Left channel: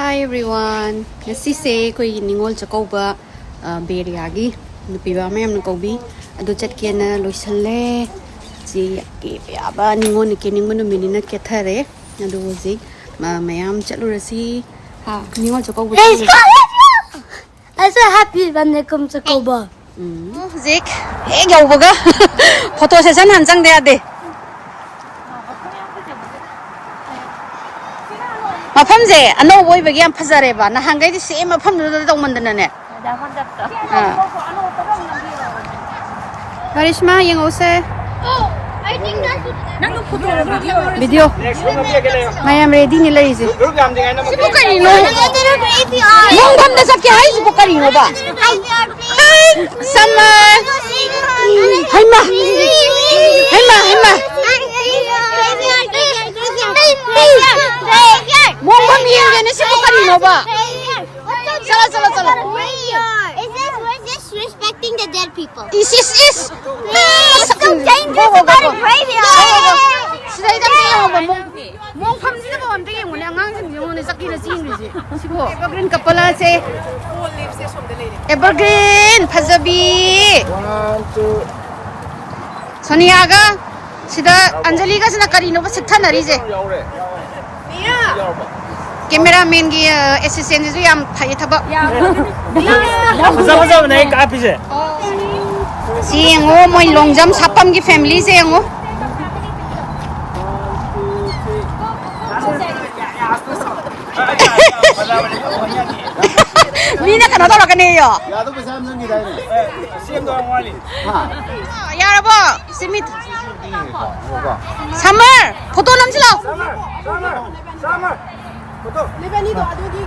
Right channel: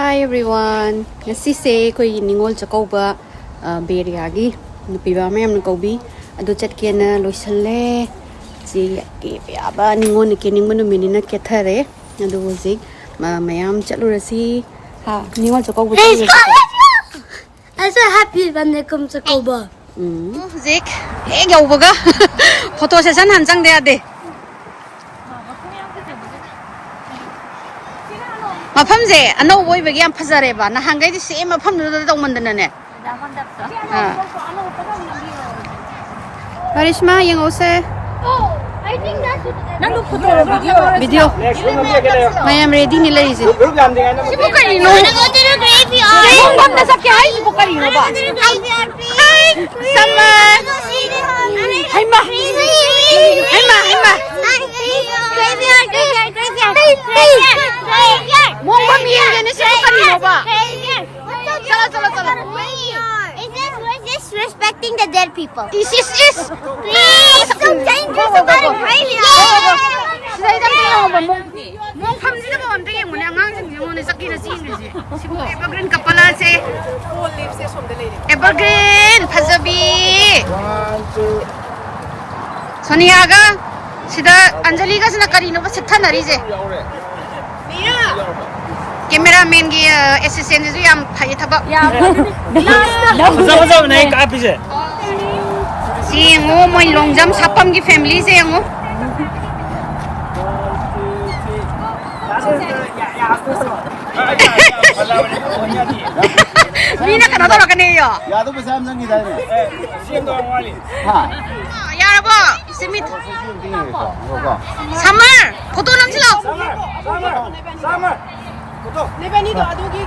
Hi everyone. Ngasi se koi ningol chakouba BayArea gi piba mayam kobi adu chat kena loisale ji ke ya ba ningol ni ke ningol no minina ke thare adu ji mayam chalu rasi ha ningol chakouba I'm so happy when they come to Cuba. Zik yau baga photo session hanjang de ade Pamjare, I know why we get pamjare ba. Na hangai di same pamjare dong mandana ne. Karishma, yang ose. Oh, I think that's Video. Mayam ready ni lagi sih. Bukan ini no. Mungkin dah sakit hai sih bukan ini ba. Sama. Hai ma. Hai ma, hai ma. Mungkin ini jenis bukan ini ba. Salah. Is this disrespecting the dead people? Is. It's so dangerous. Go. Sila itam tayo ba mong pamjare ba am tayo mo na ngang sing mo na sakit na sin ri sibo evergreen kapala se evergreen phajabi Sonia ga sida Anjali ga sina kari no ba sitha nari je cameraman gi assistant ji am thai thaba maza nai ka pise si ngo moi longjam sapam ji family se ngo Mina kana dora kane yo ya to bisa am ngi dai ne sim do wali ya rabo simit summer photo nam chilo summer photo Lebani do adogi.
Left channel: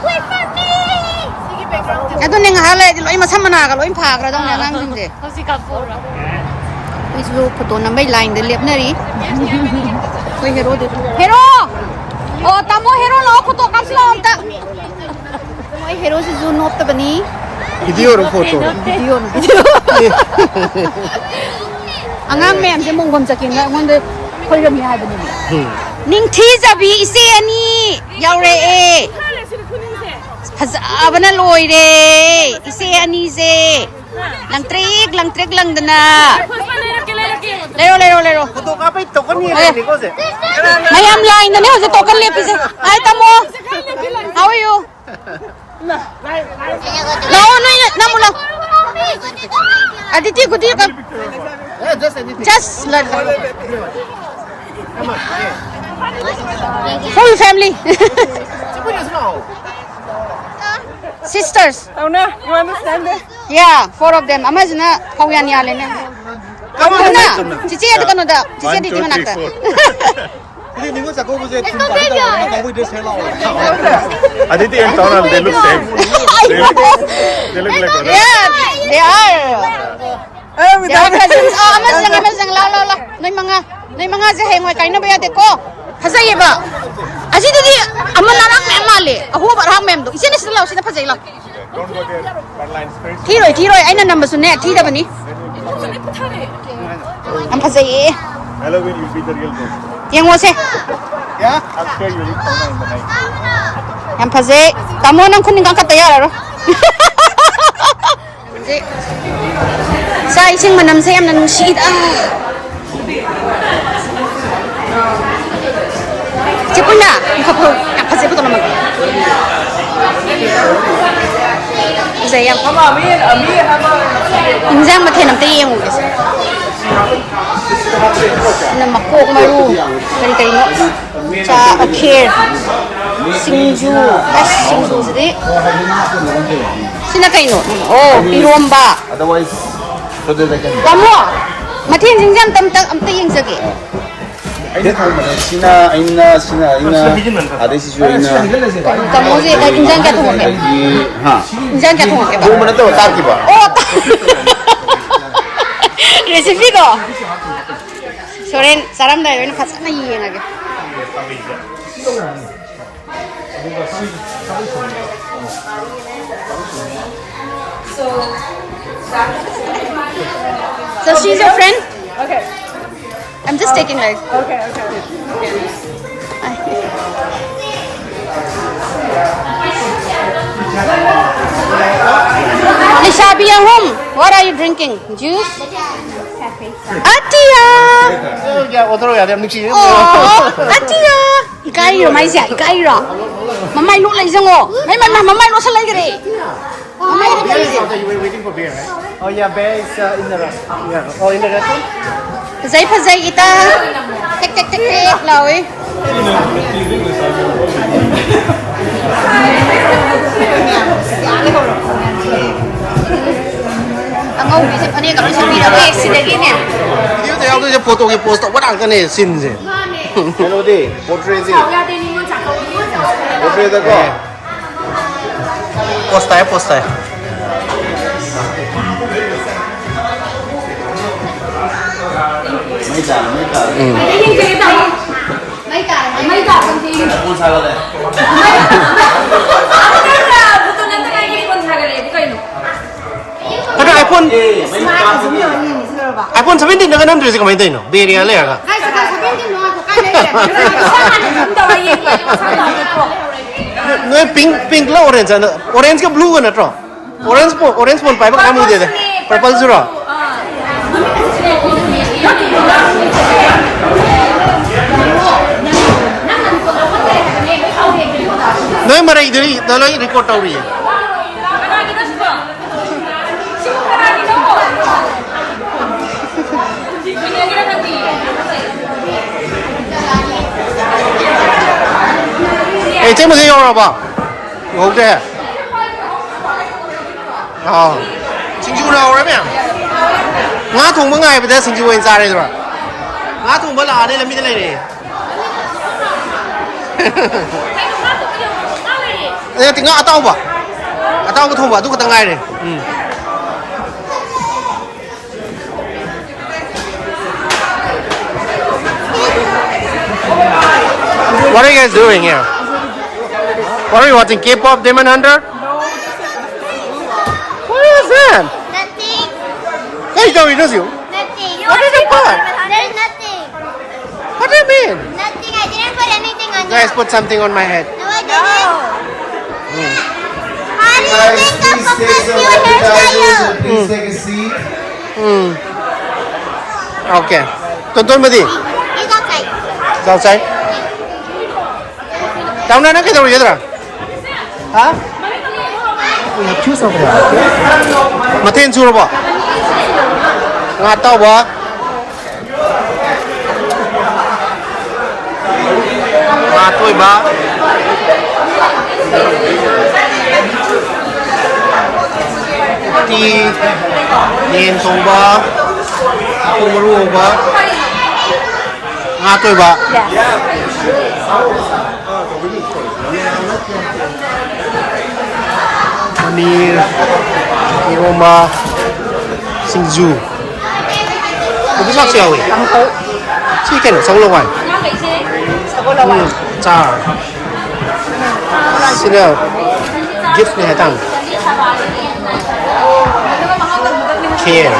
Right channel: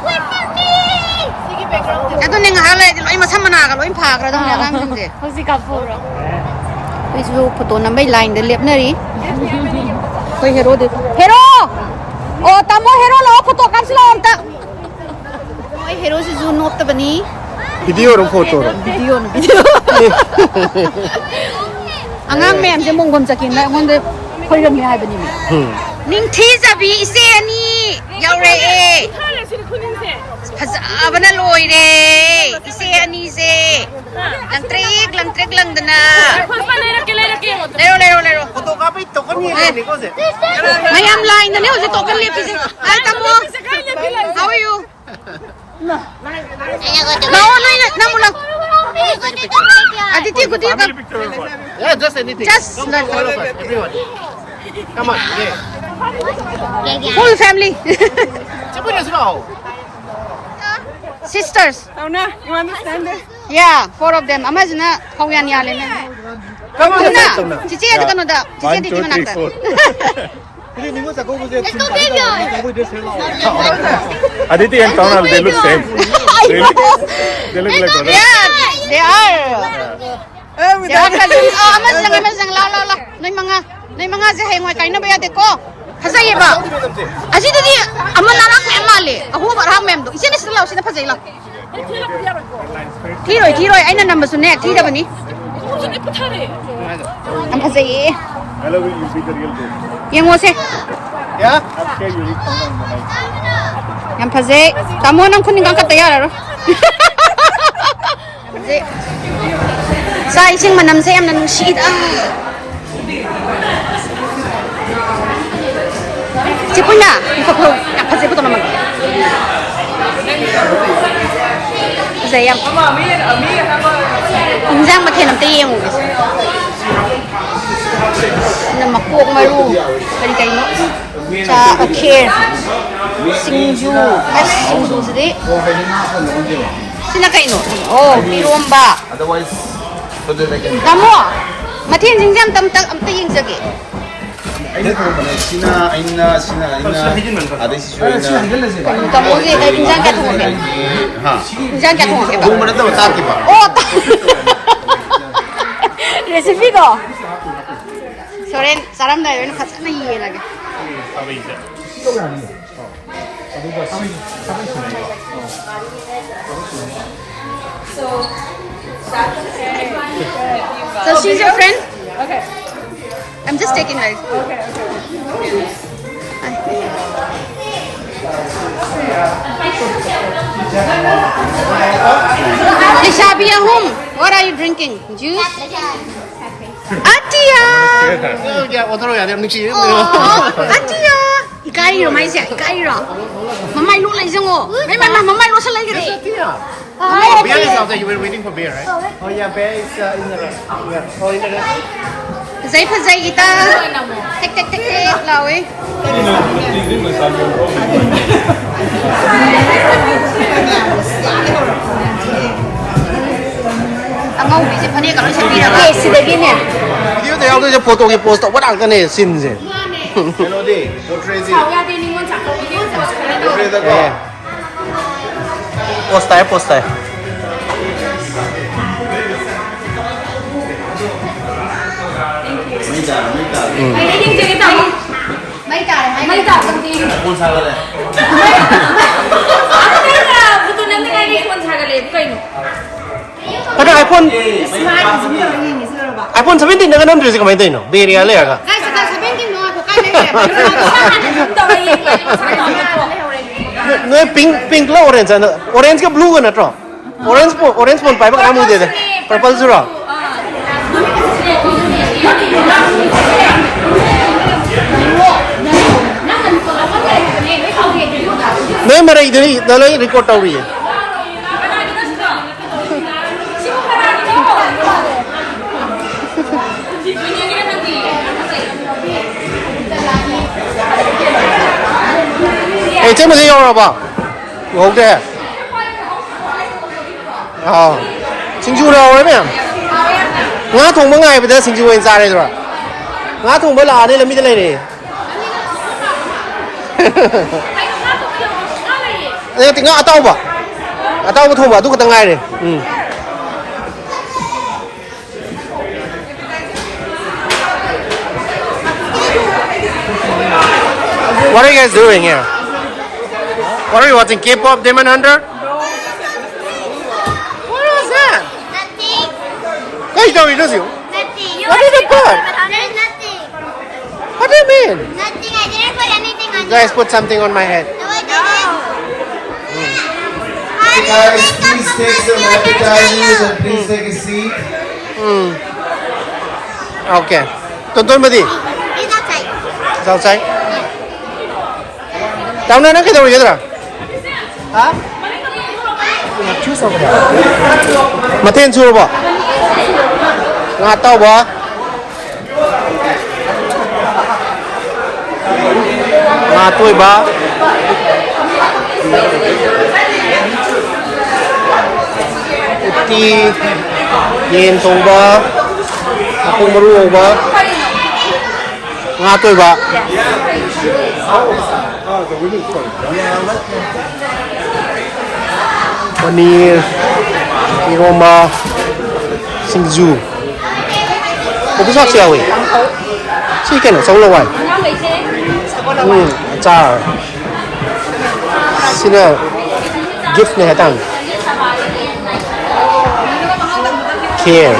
Wait for me. Sige background. ado ning hala di loi ma samana ga loi pha gra dong ne nang ding de Music up for. isu photo nam bai line de lep na ri koi hero de hero oh tamo hero lo photo kam sila amta oi hero si zu not ta bani video ro photo ro video angang mem je mongom chakin la ngon de khoi ram hai bani ning thi jabi ise ani yaure e Abana loi re ise ani se langtrek langdana lero to ka pai to ni ni ko se mayam line ne hoje tokan le pise ai tamo how are you no namula aditi gudi ka yeah just anything just like everyone come on yeah full family chipunya sudah sisters oh na you understand it yeah four of them amazna phawyan ya le na come on na cici ada kan udah cici di mana nak ini ningol chakouba je chim ka da ka bui de sela Aditi and Kamal, they look same. I know They look like brothers. yeah they are cousins oh amazing la nai mga je hai ngoi kaina ba ya de ko phajai ba aji di amana rak me male ahu ba rak mem do isine sila usina phajai la thiroi aina number su ne thi da bani am phajai Hello, will you see the real ghost? yengo se Yeah? I'm sure you will come in the night. am phajai tamo nang khuning kan ka tayar ro sa ising manam se am na nungsi Cipunya, kapro, apa sih betul namanya? Saya, injang Mathel nanti yang mungkin. Nama kok malu, dari no, haokhre, singju sedih. Sini kayak no, oh, iromba. Kamu, Mathel injang am yang segi. ini sina ada si jual ini Kamu sih injang jatuh ke? Injang jatuh ke? itu mana tahu tak tiba Oh, resipi ko. Soren, saram dah, ini pasal na iya lagi. So she's your friend? Okay. I'm just taking like. Okay. Nisha, be at home. What are you drinking? Juice? Atia! Oh, Atia! Cái rồi mày dạy cái rồi. Mà mày lúc lấy xong rồi. Mà mày lúc sao lấy cái này? Beer is outside. You were waiting for beer, right? Oh yeah, beer is in the rest. Yeah. Oh, in the rest. Giấy phát giấy kita. Tách rồi. Kamu ini kalau sendiri lagi sudah gini. Dia tu yang tu je foto ke post tak ada kan ni sin je. Hello, day. What is it? Post tay. Ada iPhone 17 dengan 6 sih kau main tu no. BayArea le agak. Guys, sekarang 17 dong aku kali No pink lah orange ada. Orange ke blue kan atau? Orange pun pai kamu dia deh. Purple surah. No mara ini dah lagi record tahu dia. Eh,这么是要了吧？有的。啊，新酒了，我这边。我同不爱不得新酒问啥来是吧？我同不拉的了，没得来的。哎，等我到吧，到不同吧，都可等爱的，嗯。What are you guys doing here? What are you watching? K-pop Demon Hunter? What is that? Nothing. Hey, don't you? Nothing. What did you put? There's nothing. What do you mean? Nothing. I didn't put anything on You guys put something on my head. No, I didn't. Guys, please take some appetizers and please take a seat. Okay. Tonton ba di? He's outside. It's outside? Down na kita ulit kita. Ha? Mathel suruh ba? Nggak tahu ba? Matoy ba? Uti, yentong ba? Akong maruo ba? Ngatoy ba? Paneer, aroma, singju. Kau bisa siapa weh? Sih kan, song lawan. Jar. Sini gift ni datang. Care.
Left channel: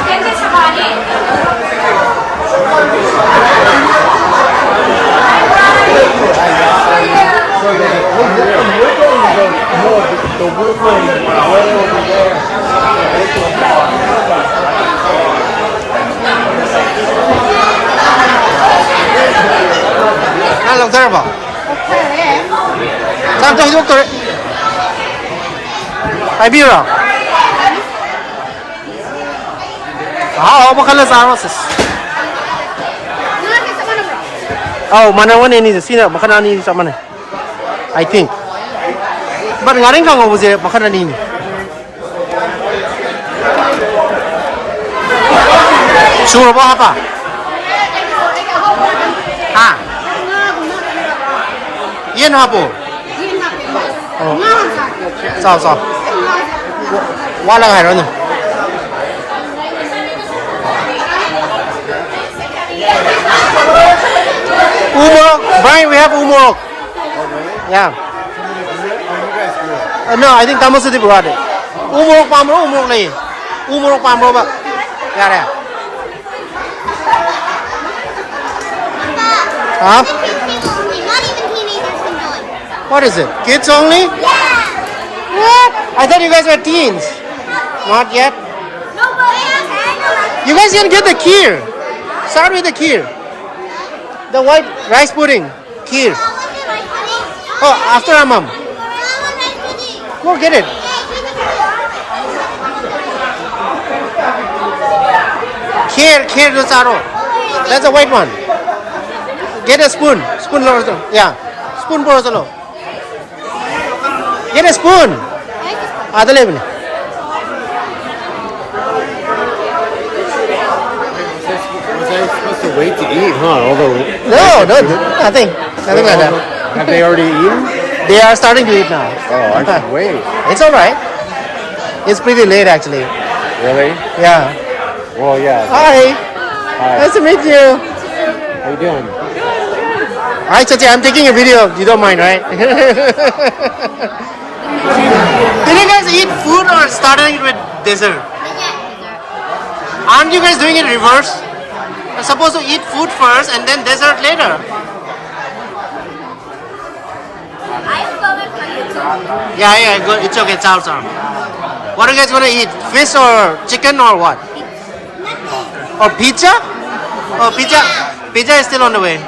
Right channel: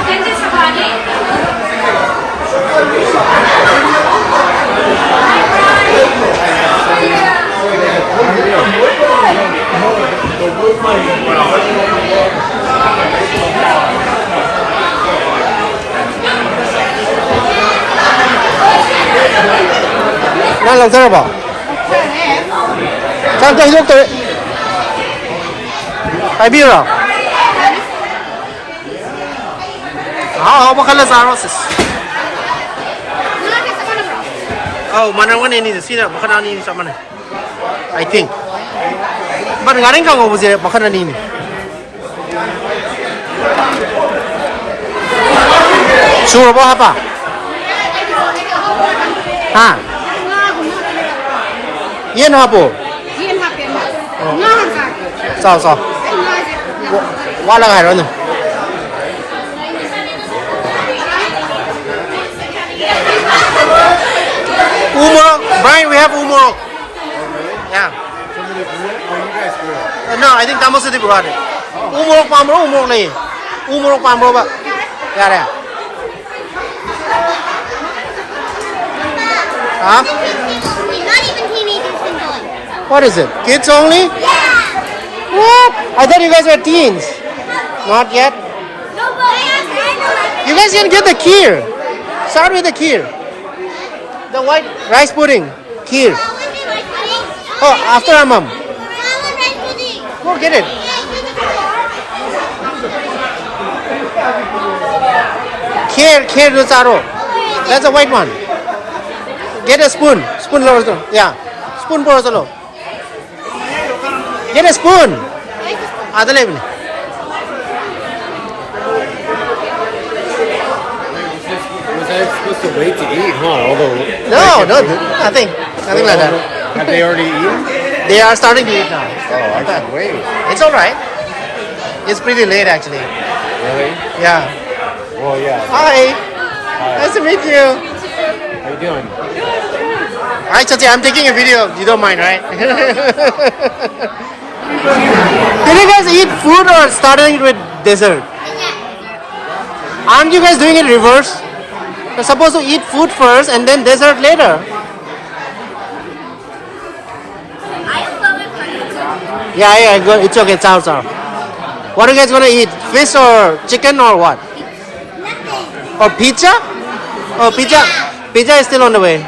Nah, langsung apa? Tam cho hidup tu. Piba lah. Apa kalau sama sis? Oh, mana ini sini makanan ini sama ni. I think. But ngaring kau ngomong je makanan ini. Suruh apa? Ha? Yen apa? Sao? Quá là hay rồi nè. Umorok, Brian, we have umorok. Yeah. No, I think kamu sudah buat deh. Umorok ni. Umorok pamro ba? Ya. Huh? Not even teenagers can join. What is it? Kids only? Yeah. What? I thought you guys were teens. Not yet. No, but You guys can get the kheer. Start with the kheer. The white rice pudding. Kheer. Oh, after our mom. Go get it. Kheer the saro. That's the white one. Get a spoon. Spoon lower. Yeah. Spoon for us. Get a spoon. Other level. Was I supposed to wait to eat, huh? No, nothing like that. Have they already eaten? They are starting to eat now. Oh, I can wait. It's alright. It's pretty late actually. Really? Yeah. Well, yeah. Hi. Nice to meet you. How you doing? Hi, Chachi. I'm taking a video. You don't mind, right? Did you guys eat food or starting it with dessert? Aren't you guys doing it reverse? You're supposed to eat food first and then dessert later. Yeah, good. It's okay. Chow. What are you guys gonna eat? Fish or chicken or what? Or pizza? Oh, pizza. Pizza is still on the way.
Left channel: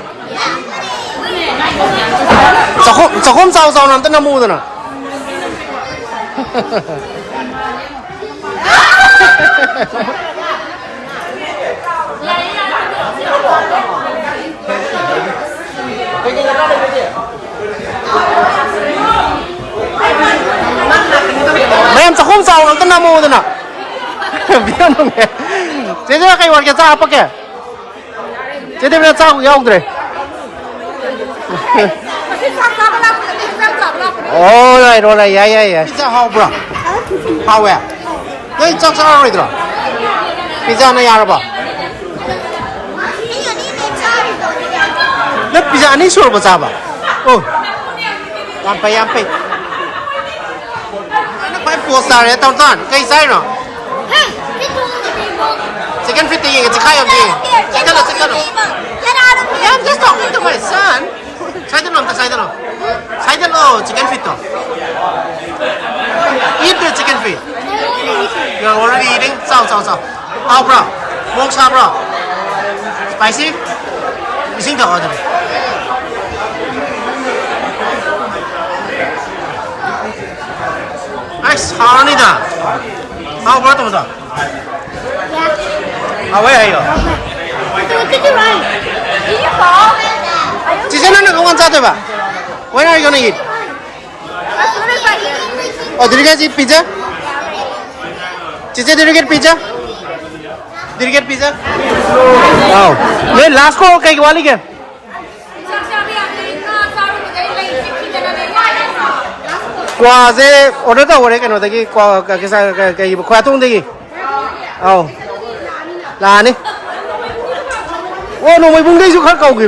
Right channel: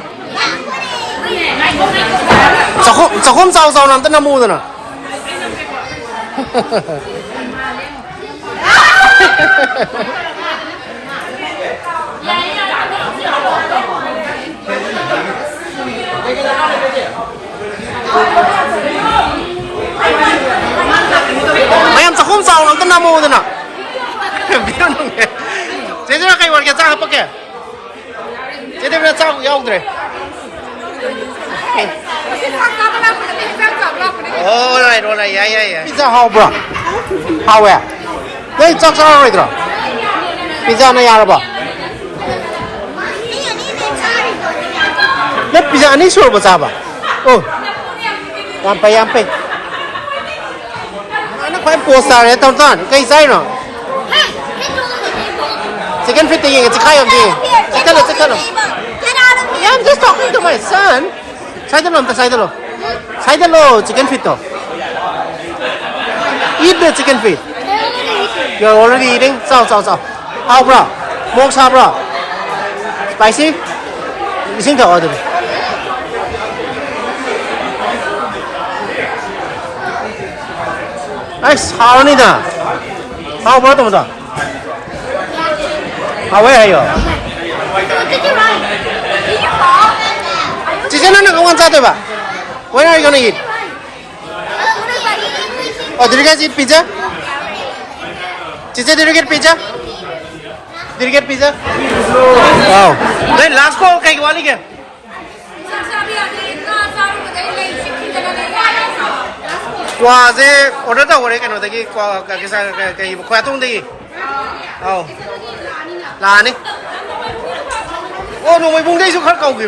Chakouba sao nằm tới năm mu rồi nè. Mayam chakouba sao nằm tới năm mu rồi nè. Biết không nghe? Thế thì cái quan cái sao apa kẹ? Thế thì cái sao của ông rồi. Rồi, yeah. Pizza how bro? How ya? Cái chắc sao rồi đó? Pizza này à bro? Nó pizza này sure bác ba? Oh, yampe. Nó phải poster đấy tao tan, cái gì nó? Chicken feet thing, it's a kind of thing. Chicken. Yeah, I'm just talking to my son. Side chicken feet though. Eat the chicken feet. You're already eating? Sao. How bro? Mok sa bro? Spicy? You think to order? Nice. How many na? How bro to da? Where are you? Chicken na kawan sa ba? When are you gonna eat? Oh, did you guys eat pizza? Chicha, did you get pizza? Did you get pizza? Wow. Then last ko kay wali ke? Kwa se order ta ore ke no dagi kwa ka sa kai kwa tung dagi. Oh. La ni. Oh no, may bungdi su khát cầu kì.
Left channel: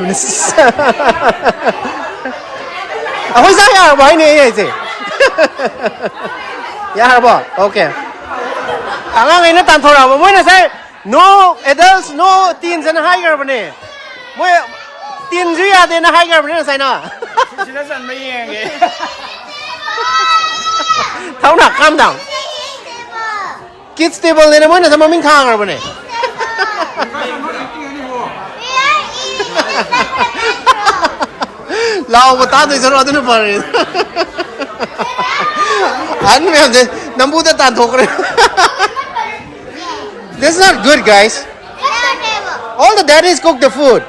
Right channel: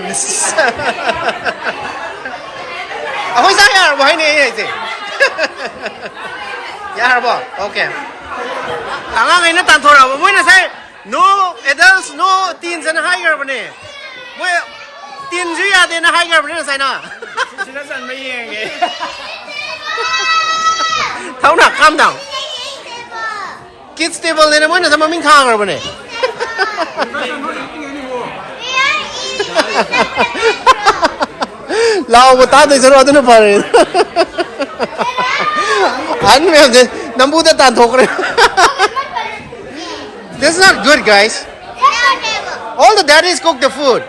Hối sao à? Bài này này gì? Yeah, bo. Okay. Ang ngay na tan thora mo na say no adults no teens na higher ba ni. Mo teen ji ya de na higher ba ni say na. Sila san may yang Thau na calm down. Kids table ni na mo na sa maming khang ba ni. Lao một tá tôi sẽ rồi tôi nó phải anh em thế nắm bút tàn thuộc rồi. This is not good, guys. All the daddies cook the food.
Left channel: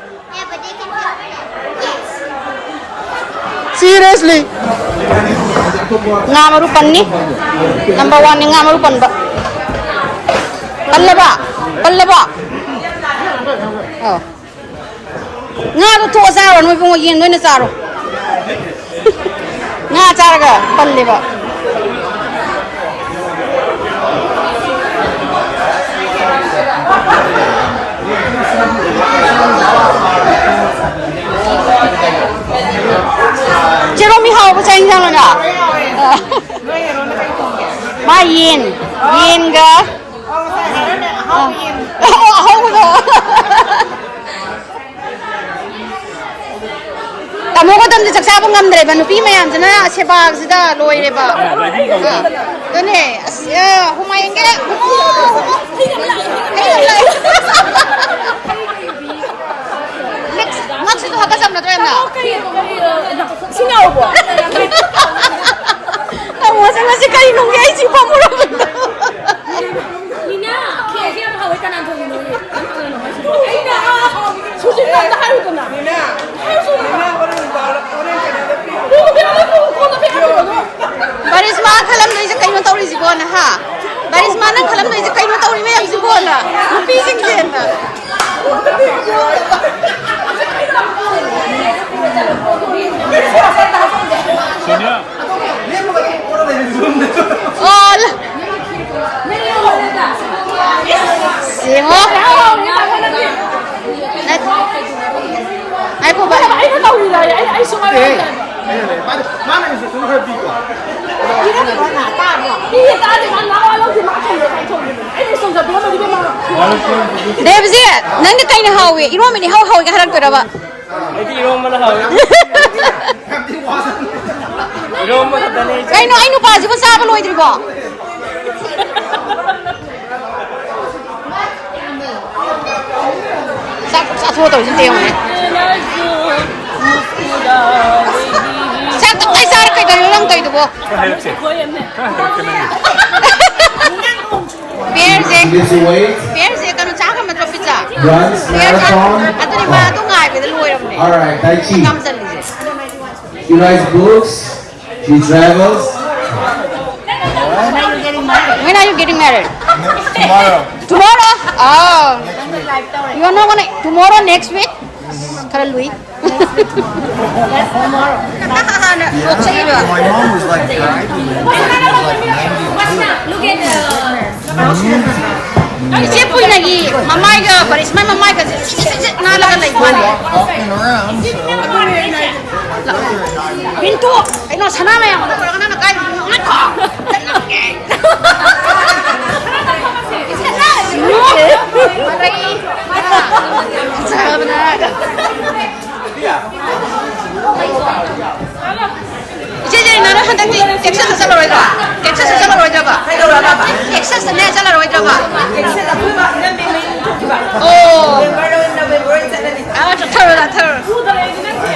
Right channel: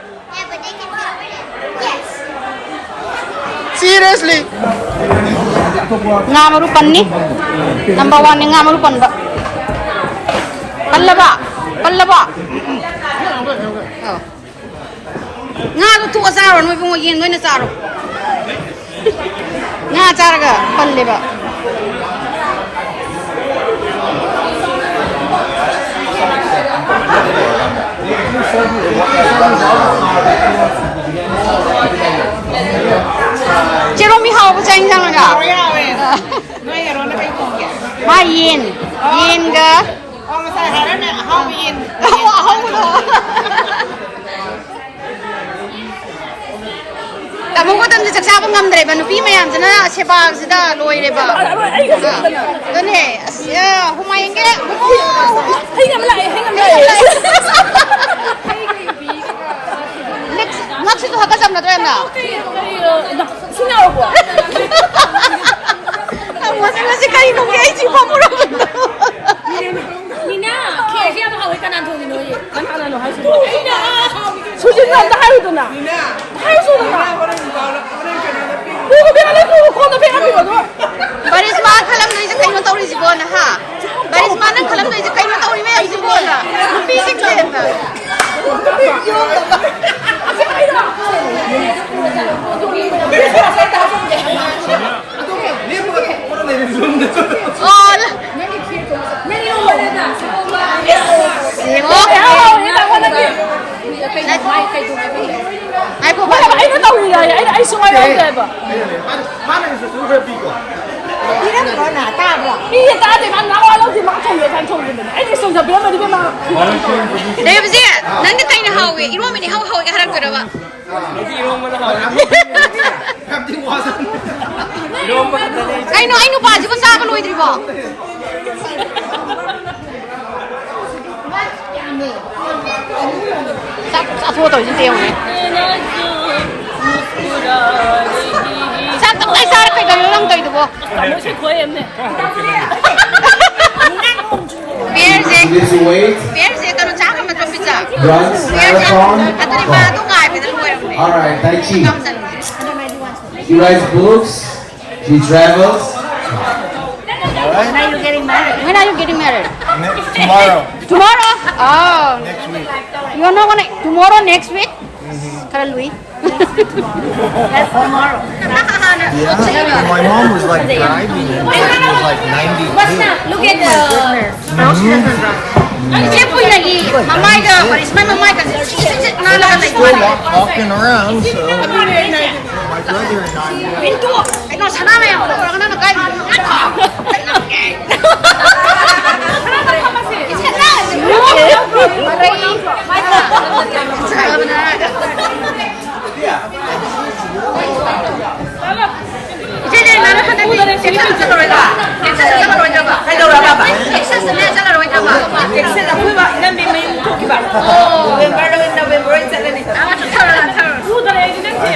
Seriously. Ngamaru pan ni. Number 1 ni ngamaru pan ba. Pan ba. Oh. Nga tu tua sao rồi không có gì nữa sao rồi. Nga cha cái pan đi ba. Chị đâu mi hao có tranh chăng rồi nhở? Mà yên cơ. Hao rồi. 따먹었던데 작사분 감들에봐 누피 mayamsina 세박시다 로이레봐 너네 호마인게 호모 헤이감라이 낚시도 하까 잡나 도였나 싱가오버 무슨 색깔이 농게 지금 물어본다 니나 계기하면 하고 있다 난 돈이 너희 하나는 하시고 니나 소질도 안 하루도나 니나 Barisma kalam na isa kayo na tawri si Bona ha. Barisma na kalam na isa kayo na tawri mayam si Bona. Lupising din na. Oh, Simo? Ay po ba? Dahil ba siya? Nandi tayo na hawi. Inuwa mo ni hawi ka harang ko na ba? Ay no pa. Di ba sa kapal di ba? Sa tuwa to, yung tiyong eh. Ay, sarap kayo. Ganun lang tayo diba? Pierce, ito na tsaka matropit sa. Runs, marathon. Ato ni Mato nga, pinaluwa yun eh. Alright, Tai Chi. He likes books. He travels. When are you getting married? Tomorrow. Tomorrow? Oh. You're not gonna... Tomorrow, next week? Kara Louis? That's tomorrow. What's that? Look at the... Siya po yung nagi, mamay ka, Barisma mamay ka, nalaga na iwan eh. Pinto! Ikaw, sana na yan, wala ka na nagkain. Maray! Sarap na. 이제 나는 하다니 텍사스 살아와야 텍사스 살아와야 봐. 텍사스 내 살아와야 봐. 텍사스 피바 이런 멤버 이거 토끼 봐. 왼발로 있나 왼발로 있잖아요. 아, 저 털어. 후들에 있는 냄새.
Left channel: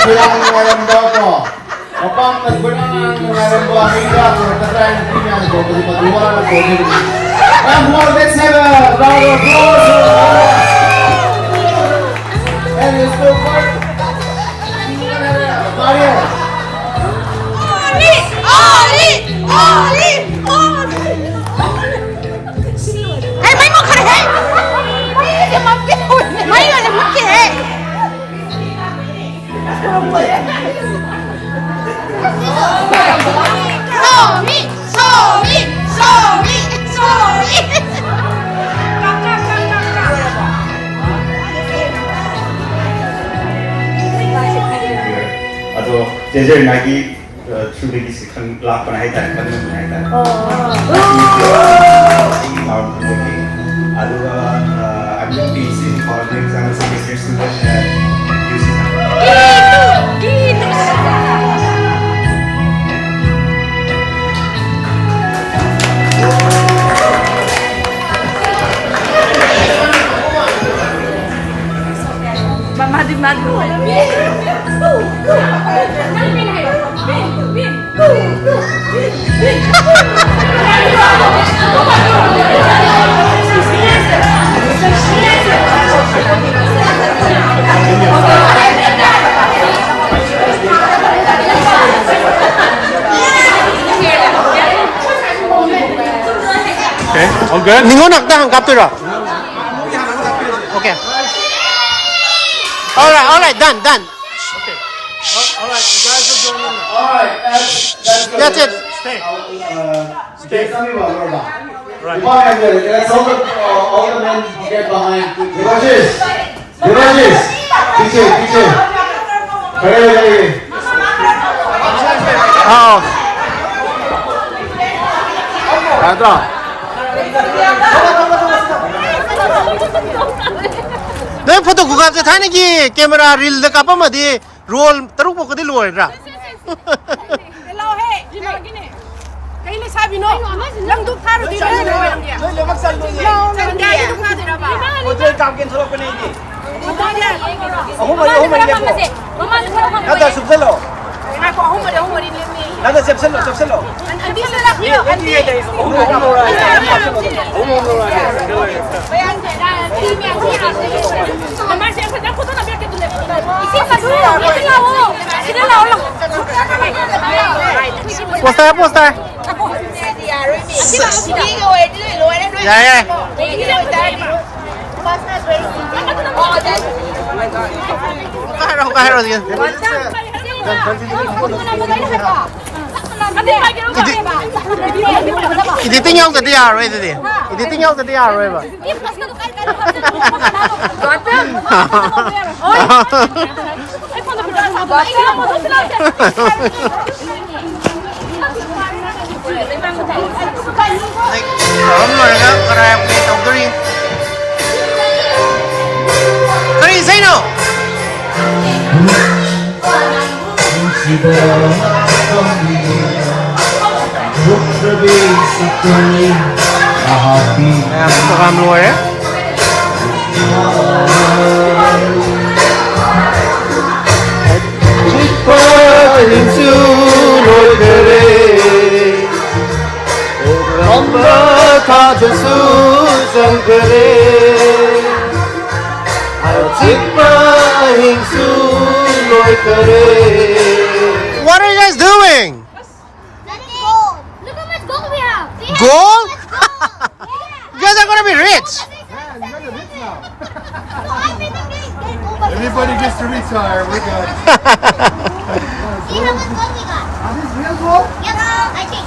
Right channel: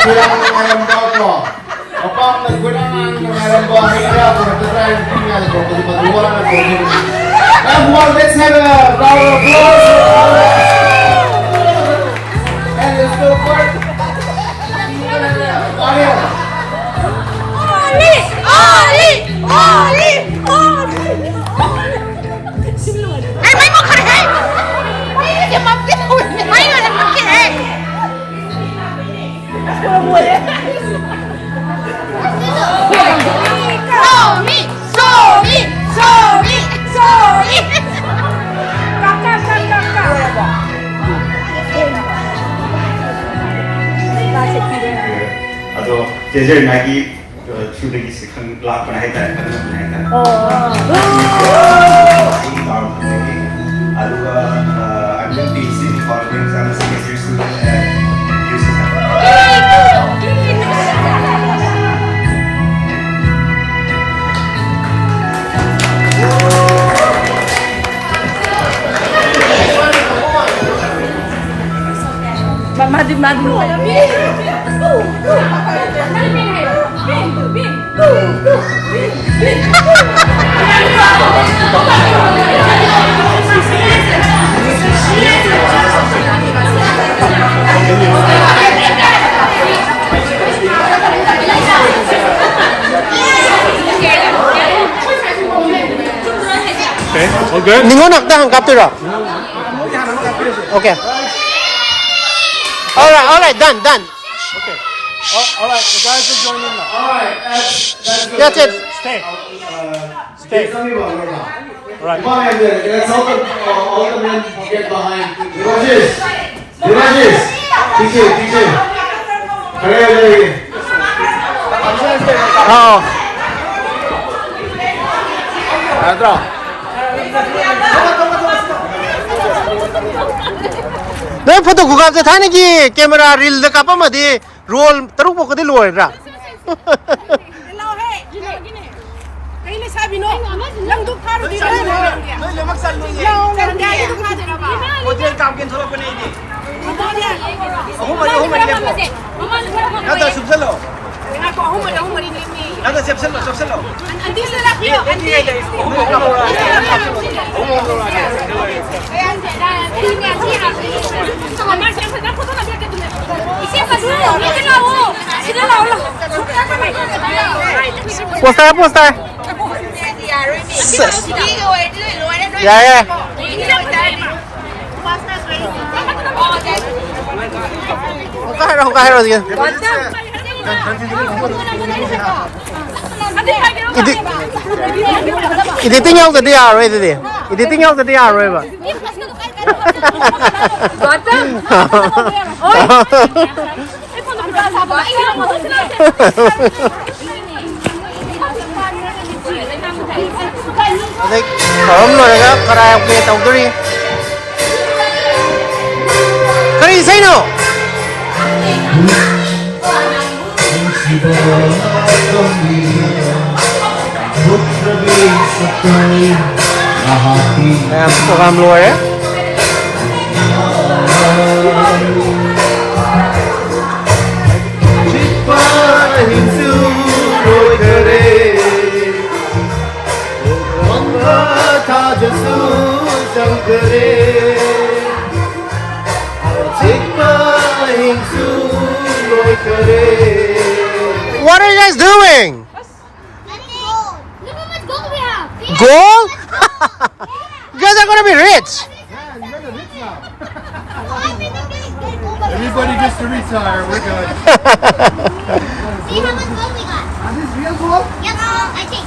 nagkulang ng mayam daw ko. Kapag nagkulang ng mayam daw, ang hirap, nagtatry ng tingnan ko, kasi matulang ako. And one, let's have a round of applause. And let's go for it. Mario. Hey, may mo kare. May ni Mathel. May na Mathel. Also, 제일 나기 출력이 시큰 락을 해야 돼. 아루가 I'm facing problems and secretary student and using All good? Ningon nakta hang kaptura. Okay. All right, done. All right, the guys are going in now. Alright, That's it. stay. Right. Let's all the men get behind. Villages. Teacher. Hurry. Oh. नहीं photo गुगाब से था ना कि camera reel the कापा मधी role तरुक पो कति लोय रा poster या काहे दिया editing nhau cái dia rồi đi editing nhau cái dia rồi ba đây ốm rồi đó karaoke tàu kari say no làm program rồi đấy What are you guys doing? Look how much gold we have. Gold? You guys are gonna be rich. Everybody gets to retire. We're good. See how much gold we got. Are these real gold? Yes, I think.